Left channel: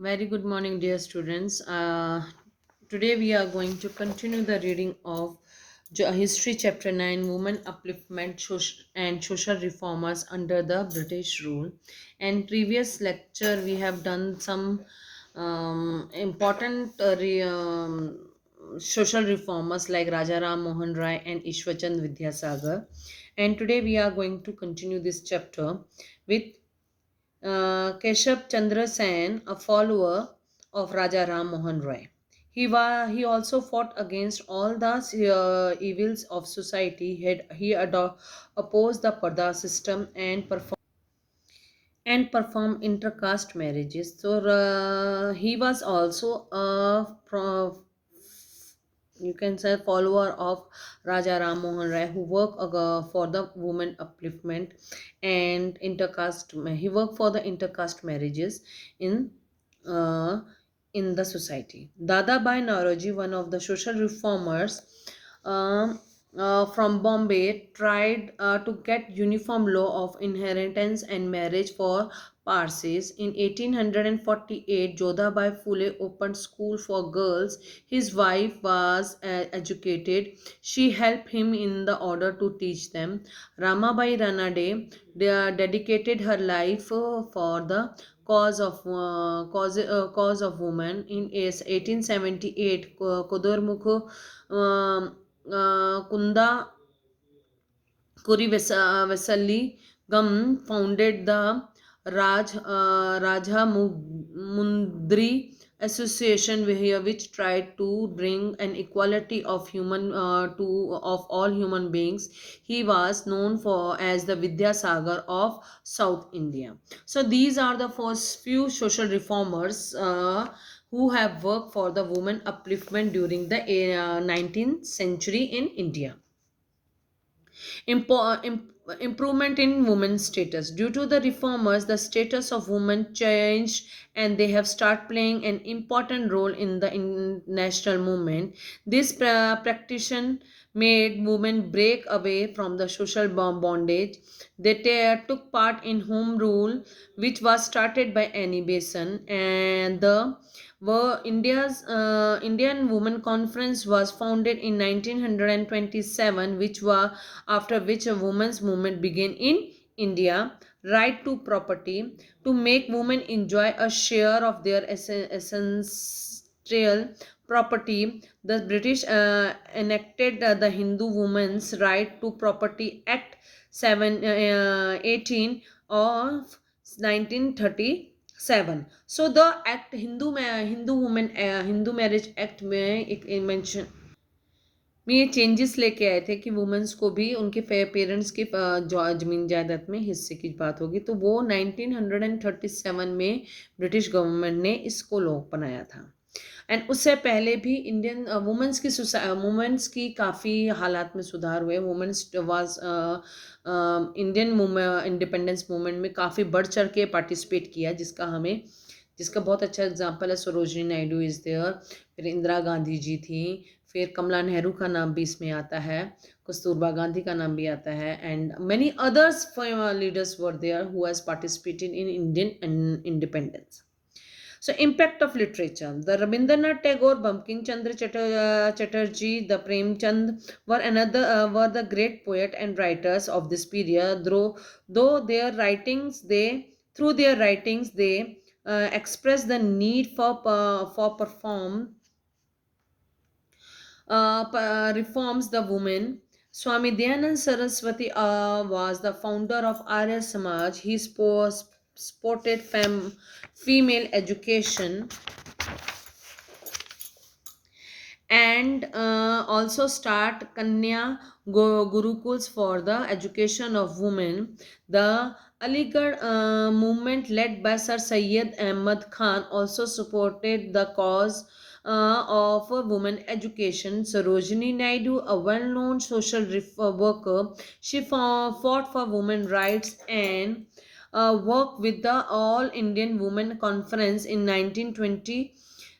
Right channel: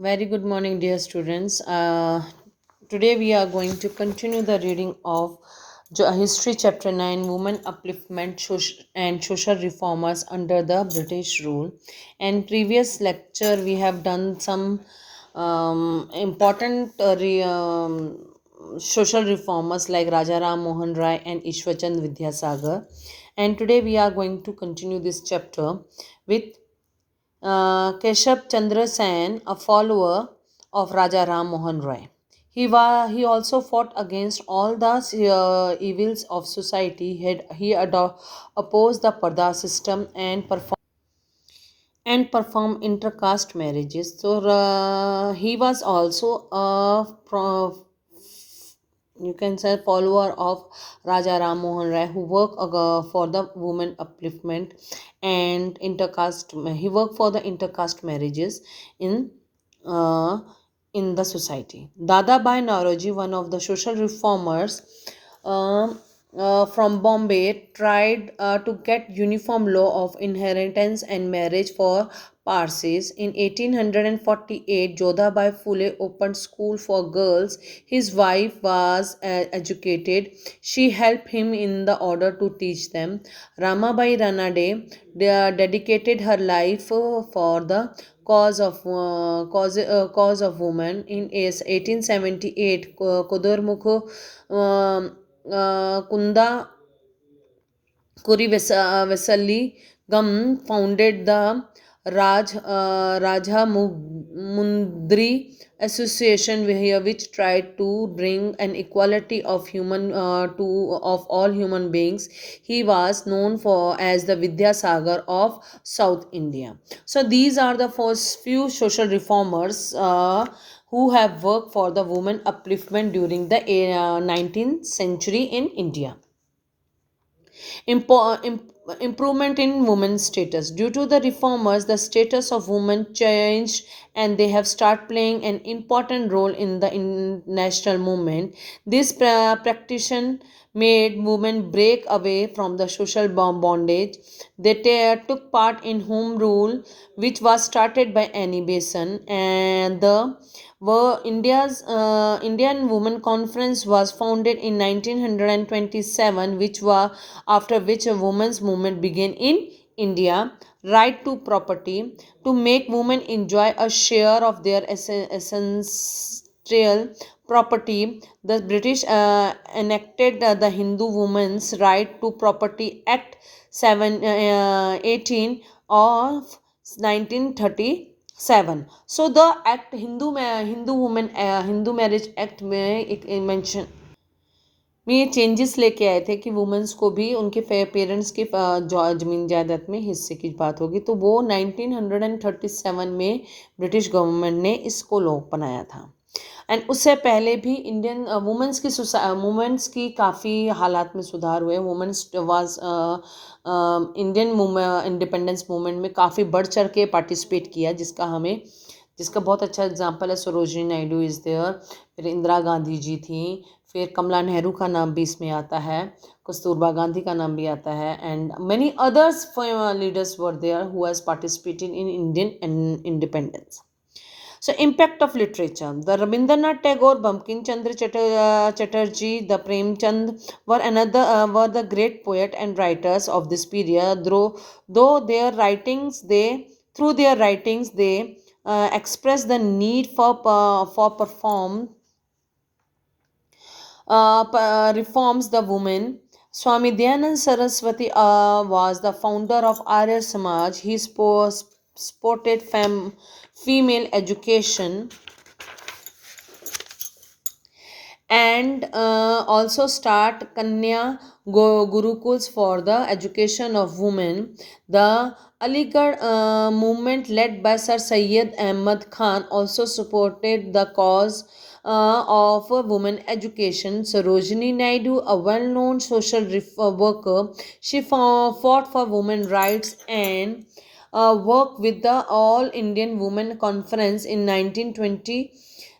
Very good morning, dear students. Today we are going to continue the reading of History Chapter 9 Women Upliftment and Social Reformers Under the British Rule. And previous lecture we have done some important social reformers like Raja Ram Mohan Rai and Ishwachand Vidyasagar. And today we are going to continue this chapter with Keshav Chandra Sen, a follower of Raja Ram Mohan Roy. He also fought against all the evils of society. He opposed the Parda system and performed intercaste marriages. So he was also a you can say follower of Raja Ram Mohan Rai, who worked for the women upliftment and intercaste. He worked for the intercaste marriages in uh, in the society. Dada Bhai Naoroji, one of the social reformers from Bombay, tried to get uniform law of inheritance and marriage for Parsis. In 1848, Jodhabai Phule opened school for girls. His wife was educated. She helped him in the order to teach them. Ramabai Ranade dedicated her life for the cause of women. In 1878, Kodormukh Kunda Kurivesalli Gam founded the Raja Mundri Association here, which tried to bring an equality of human to of all human beings. He was known for as the Vidyasagar of South India. So these are the first few social reformers who have worked for the women upliftment during the 19th century in India. Improvement in women's status. Due to the reformers, the status of women changed and they have started playing an important role in the national movement. This practice made women break away from the social bondage. They took part in home rule, which was started by Annie Besant, and the were Indian Women Conference was founded in 1927, after which a women's movement began in India. Right to property, to make women enjoy a share of their essential property. The British enacted the Hindu Women's Right to Property Act 18 of 1937. So the act Hindu women Hindu marriage act में एक mention में ये changes लेके आए थे कि women's को भी उनके पेरेंट्स के ज़मीन जायदाद में हिस्से की बात होगी, तो वो 1937 में ब्रिटिश गवर्नमेंट ने इसको लॉ बनाया था. एंड उससे पहले भी इंडियन वुमेन्स की काफ़ी हालात में सुधार हुए. Women's was Indian independence movement में काफ़ी बढ़ चढ़ के पार्टिसिपेट किया, जिसका बहुत अच्छा एग्जांपल है सरोजिनी नायडू इज़ देयर, फिर इंदिरा गांधी जी थी, फिर कमला नेहरू का नाम भी इसमें आता है, कस्तूरबा गांधी का नाम भी आता है, and many others leaders were there who has participated in Indian independence. So, impact of literature. The Rabindranath Tagore, Bankim Chandra Chatterjee, the Premchand were the great poet and writers of this period. Though their writings they through their writings they express the need for reforms the women. Swami Dayanand Saraswati was the founder of Arya Samaj. He supported female education and also start Kanya Gurukuls for the education of women. The Aligarh movement led by Sir Syed Ahmad Khan also supported the cause of women education. Sarojini Naidu, a well-known social worker, she fought for women rights and worked with the All Indian Women Conference in 1920.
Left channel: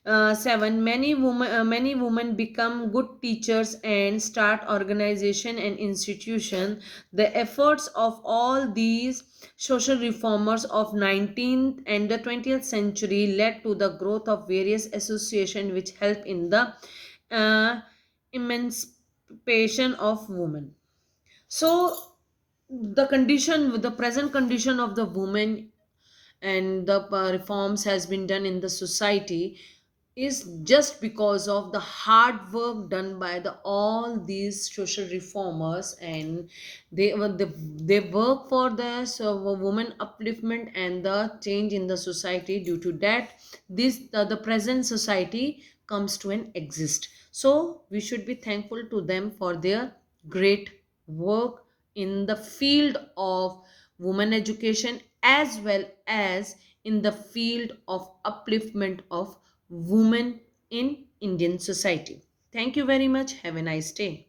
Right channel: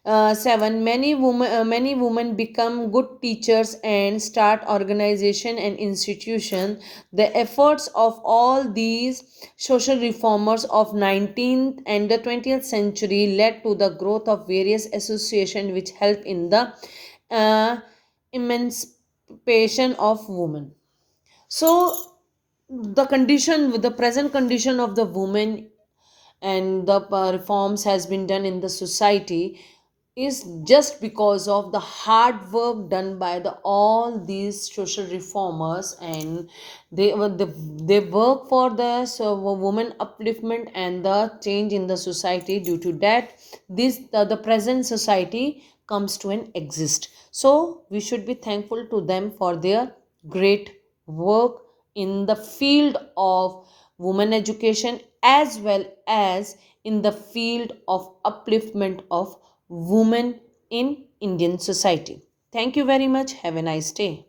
7. Many women become good teachers and start organization and institution. The efforts of all these social reformers of 19th and the 20th century led to the growth of various associations which help in the uh, emancipation of women. So the present condition of the woman and the reforms has been done in the society is just because of the hard work done by the all these social reformers, and they work for the woman upliftment and the change in the society. Due to that, the present society comes to an exist. So we should be thankful to them for their great work in the field of women education as well as in the field of upliftment of women in Indian society. Thank you very much. Have a nice day.